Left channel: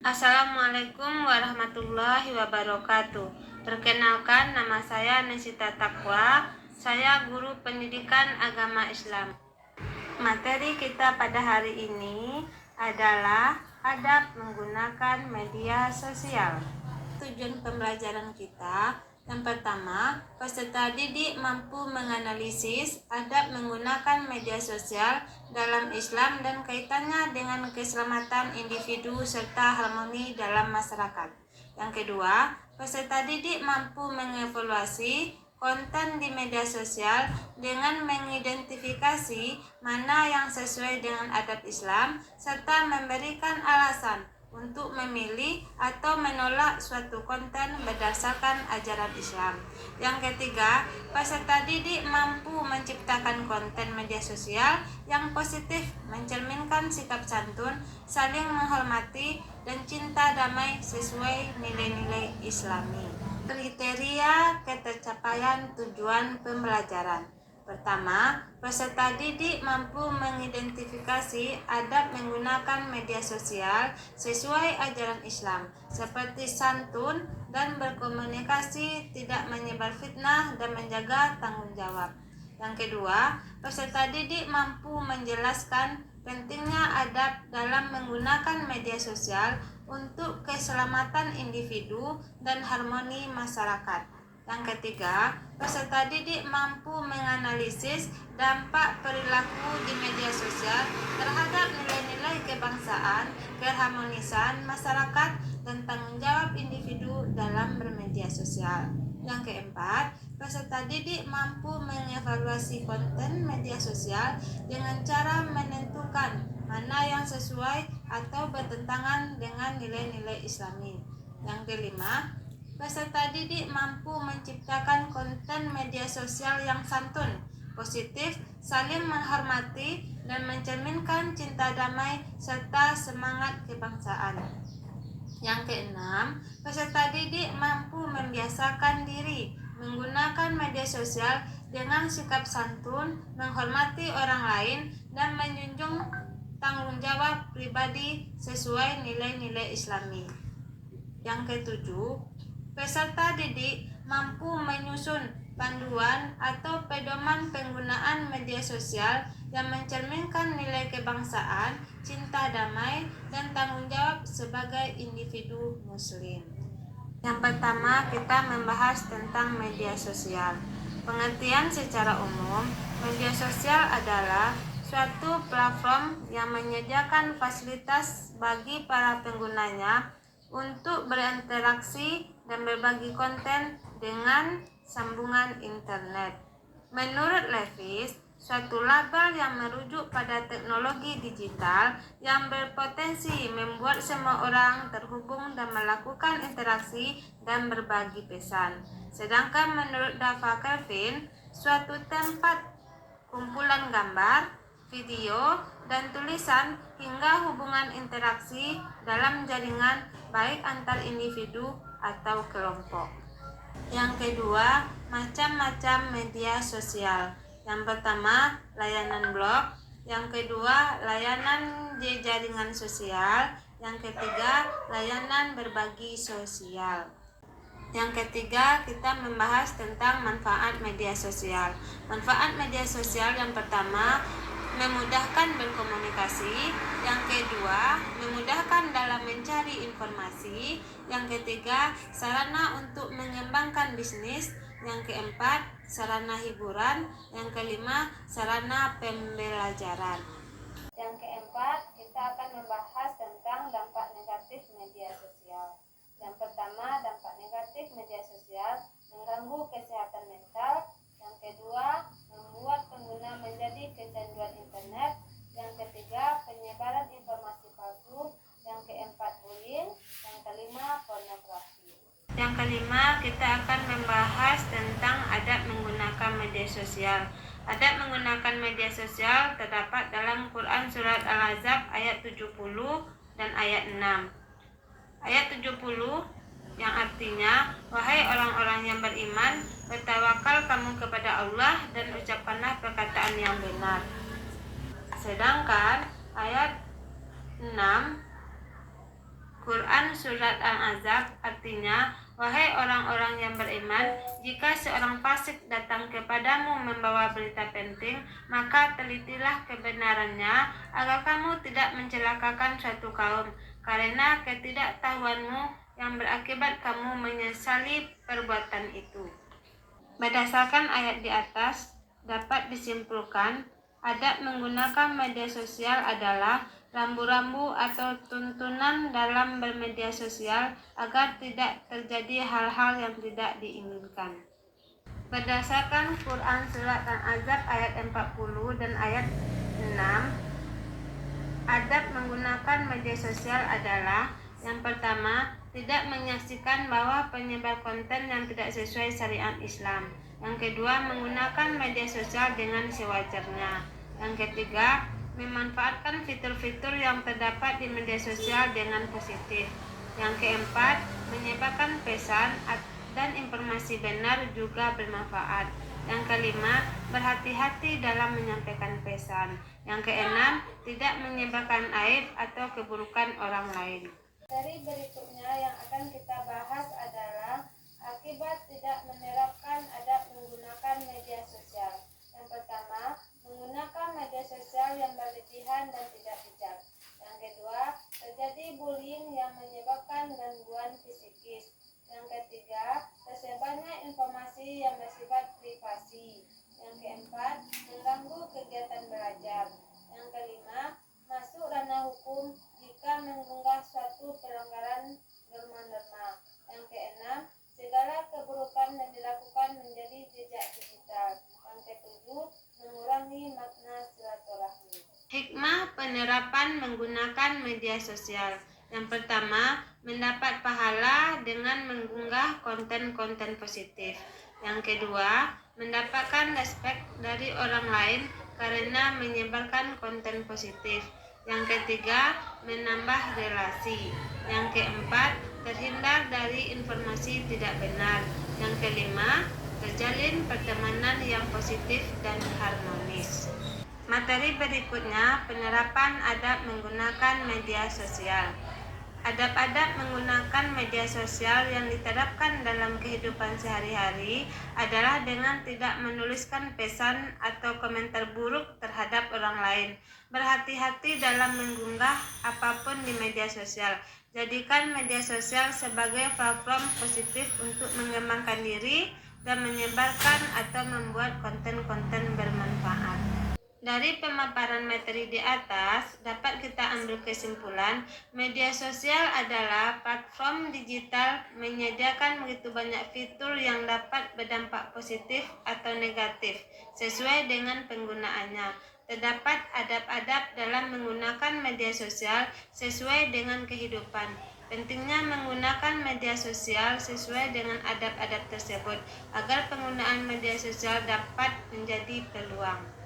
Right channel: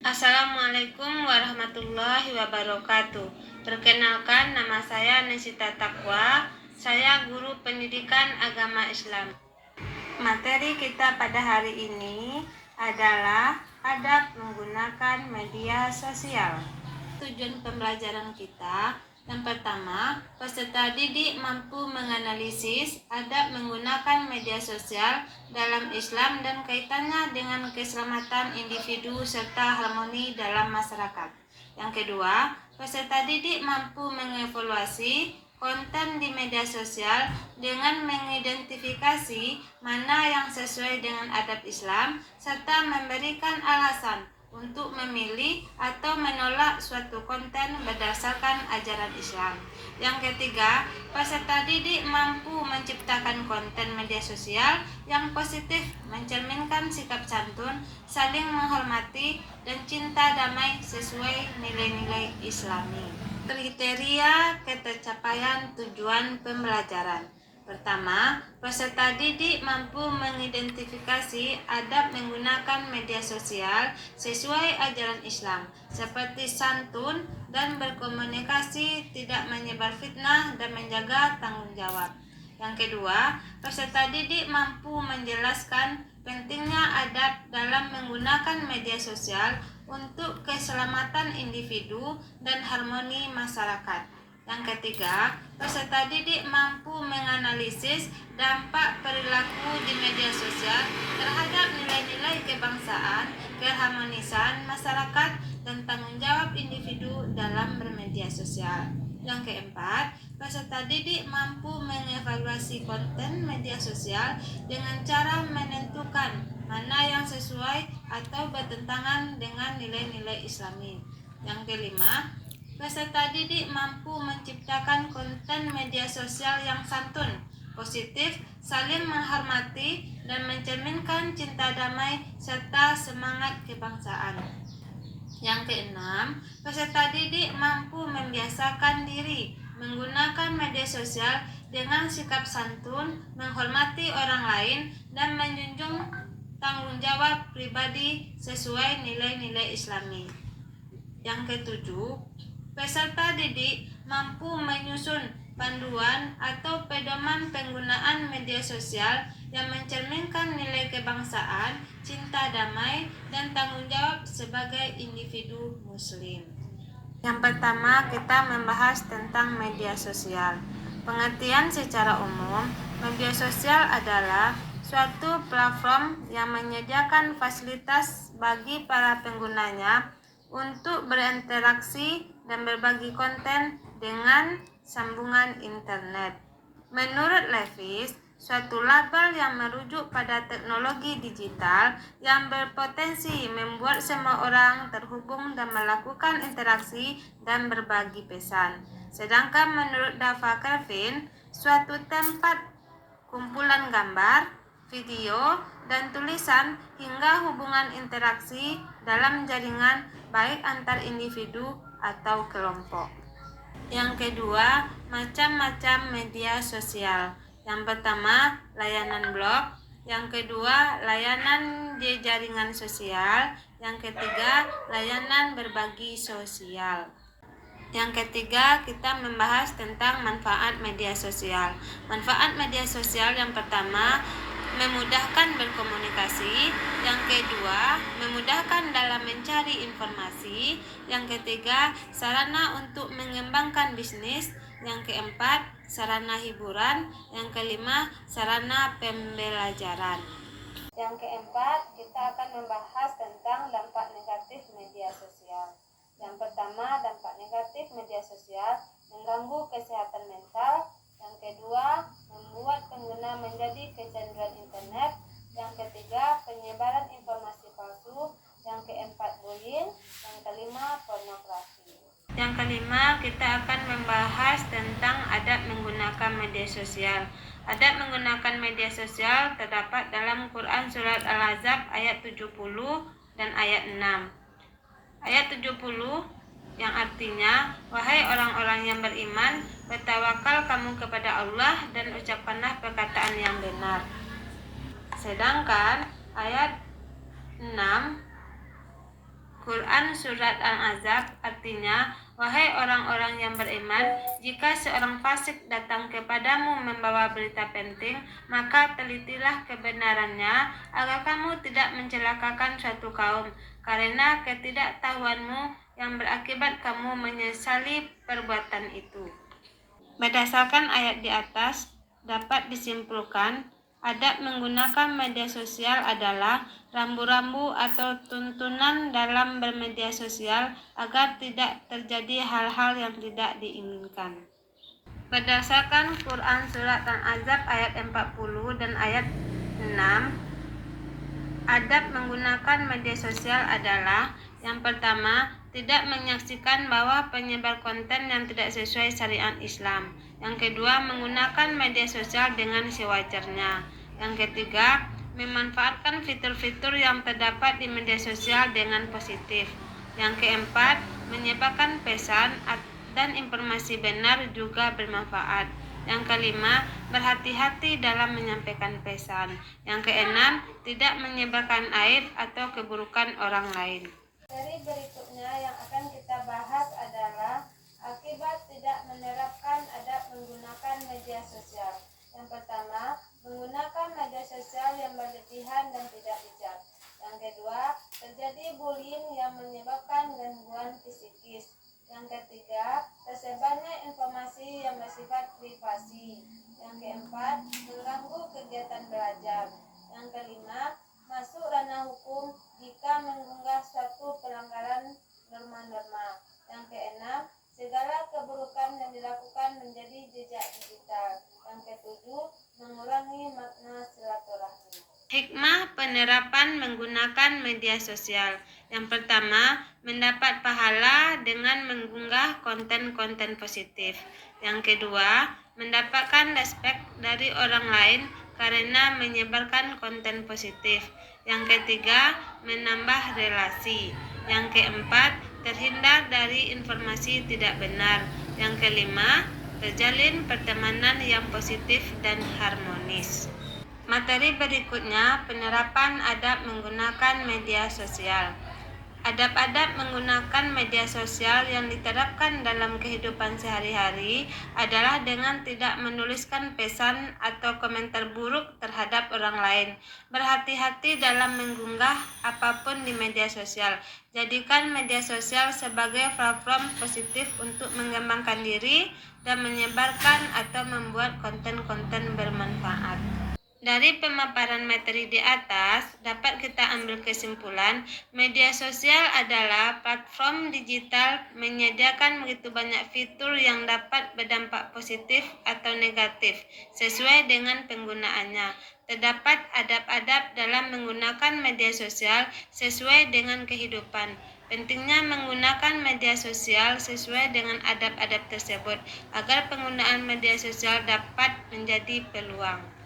Assalamualaikum warahmatullahi wabarakatuh. Perkenalkan, nama saya Nesita Takwa. Saya guru pendidikan agama Islam. Materi kita pada hari ini adalah adab menggunakan media sosial. Tujuan pembelajaran kita, yang pertama, peserta didik mampu menganalisis adab menggunakan media sosial dalam Islam dan kaitannya dengan keselamatan individu serta harmoni dalam masyarakat. Yang kedua, peserta didik mampu mengevaluasi konten di media sosial dengan mengidentifikasi mana yang sesuai dengan adab Islam serta memberikan alasan untuk memilih atau menolak suatu konten berdasarkan ajaran Islam. Yang ketiga, peserta didik mampu menciptakan konten media sosial yang positif, mencerminkan sikap santun, saling menghormati, dan cinta damai sesuai nilai-nilai Islami. Kriteria ketercapaian tujuan pembelajaran. Pertama, peserta didik mampu mengidentifikasi adab menggunakan media sosial sesuai ajaran Islam, seperti santun dan berkomunikasi, tidak menyebar fitnah, dan menjaga tanggung jawab. Yang kedua, peserta didik mampu menjelaskan pentingnya adab dalam menggunakan media sosial untuk keselamatan individu dan harmoni masyarakat. Yang ketiga, peserta didik mampu menganalisis dampak perilaku di media sosial terhadap nilai-nilai kebangsaan, keharmonisan masyarakat, dan tanggung jawab individu dalam bermedia sosial. Yang keempat, peserta didik mampu mengevaluasi konten media sosial dengan cara menentukan mana yang sesuai atau bertentangan dengan nilai-nilai Islami. Yang kelima, peserta didik mampu menciptakan konten media sosial yang santun, positif, saling menghormati, dan mencerminkan cinta damai serta semangat kebangsaan. Yang keenam, peserta didik mampu membiasakan diri menggunakan media sosial dengan sikap santun, menghormati orang lain, dan menjunjung tanggung jawab pribadi sesuai nilai-nilai Islami. Yang ketujuh, peserta didik mampu menyusun panduan atau pedoman penggunaan media sosial yang mencerminkan nilai kebangsaan, cinta damai, dan tanggung jawab sebagai individu muslim. Yang pertama, kita membahas tentang media sosial. Pengertian secara umum, media sosial adalah suatu platform yang menyediakan fasilitas bagi para penggunanya untuk berinteraksi dan berbagi konten dengan sambungan internet. Menurut Levis, suatu label yang merujuk pada teknologi digital yang berpotensi membuat semua orang terhubung dan melakukan interaksi dan berbagi pesan. Sedangkan menurut Dava Kelvin, suatu tempat kumpulan gambar, video, dan tulisan hingga hubungan interaksi dalam jaringan baik antar individu atau kelompok. Yang kedua, macam-macam media sosial. Yang pertama, layanan blog. Yang kedua, layanan di jaringan sosial. Yang ketiga, layanan berbagi sosial. Yang ketiga, kita membahas tentang manfaat media sosial. Manfaat media sosial yang pertama, memudahkan berkomunikasi. Yang kedua, memudahkan dalam mencari informasi. Yang ketiga, sarana untuk mengembangkan bisnis. Yang keempat, sarana hiburan. Yang kelima, sarana pembelajaran. Yang keempat, kita akan membahas tentang dampak negatif media sosial. Yang pertama, dampak negatif media sosial mengganggu kesehatan mental. Yang kedua, membuat pengguna menjadi kecanduan internet. Yang ketiga, penyebaran informasi palsu. Yang keempat, bullying. Yang kelima, pornografi. Yang kelima, kita akan membahas tentang adab menggunakan media sosial. Adab menggunakan media sosial terdapat dalam Quran Surat Al-Ahzab ayat 70 dan ayat 6. Ayat 70 yang artinya, wahai orang-orang yang beriman, bertawakal kamu kepada Allah dan ucapkanlah perkataan yang benar. Sedangkan ayat 6 Quran Surat Al-Ahzab artinya, wahai orang-orang yang beriman, jika seorang fasik datang kepadamu membawa berita penting, maka telitilah kebenarannya agar kamu tidak mencelakakan suatu kaum, karena ketidaktahuanmu yang berakibat kamu menyesali perbuatan itu. Berdasarkan ayat di atas, dapat disimpulkan adab menggunakan media sosial adalah rambu-rambu atau tuntunan dalam bermedia sosial agar tidak terjadi hal-hal yang tidak diinginkan. Berdasarkan Quran Surat Al-Ahzab ayat 40 dan ayat 6, adab menggunakan media sosial adalah yang pertama, tidak menyaksikan bahwa penyebar konten yang tidak sesuai syariat Islam. Yang kedua, menggunakan media sosial dengan sewajarnya. Yang ketiga, memanfaatkan fitur-fitur yang terdapat di media sosial dengan positif. Yang keempat, menyebarkan pesan dan informasi benar juga bermanfaat. Yang kelima, berhati-hati dalam menyampaikan pesan. Yang keenam, tidak menyebarkan aib atau keburukan orang lain. Dari berikutnya yang akan kita bahas adalah akibat tidak menerapkan adab menggunakan media sosial. Yang pertama, menggunakan media sosial yang berlebihan dan tidak bijak. Yang kedua, terjadi bullying yang menyebabkan gangguan psikis. Yang ketiga, tersebarnya informasi yang bersifat privasi. Yang keempat, mengganggu kegiatan belajar. Yang kelima, masuk ranah hukum jika mengunggah suatu pelanggaran norma-norma. Yang keenam, segala keburukan yang dilakukan menjadi jejak digital. Yang ketujuh, mengurangi makna silaturahmi. Hikmah penerapan menggunakan media sosial. Yang pertama, mendapat pahala dengan mengunggah konten-konten positif. Yang kedua, mendapatkan respek dari orang lain karena menyebarkan konten positif. Yang ketiga, menambah relasi. Yang keempat, terhindar dari informasi tidak benar. Yang kelima, terjalin pertemanan yang positif dan harmonis. Materi berikutnya, penerapan adab menggunakan media sosial. Adab-adab menggunakan media sosial yang diterapkan dalam kehidupan sehari-hari adalah dengan tidak menuliskan pesan atau komentar buruk terhadap orang lain. Berhati-hati dalam mengunggah apapun di media sosial. Jadikan media sosial sebagai platform positif untuk mengembangkan diri dan menyebarkan atau membuat konten-konten bermanfaat. Dari pemaparan materi di atas, dapat kita ambil kesimpulan, media sosial adalah platform digital menyediakan begitu banyak fitur yang dapat berdampak positif atau negatif, sesuai dengan penggunaannya. Terdapat adab-adab dalam menggunakan media sosial sesuai dengan kehidupan. Pentingnya menggunakan media sosial sesuai dengan adab-adab tersebut, agar penggunaan media sosial dapat menjadi peluang.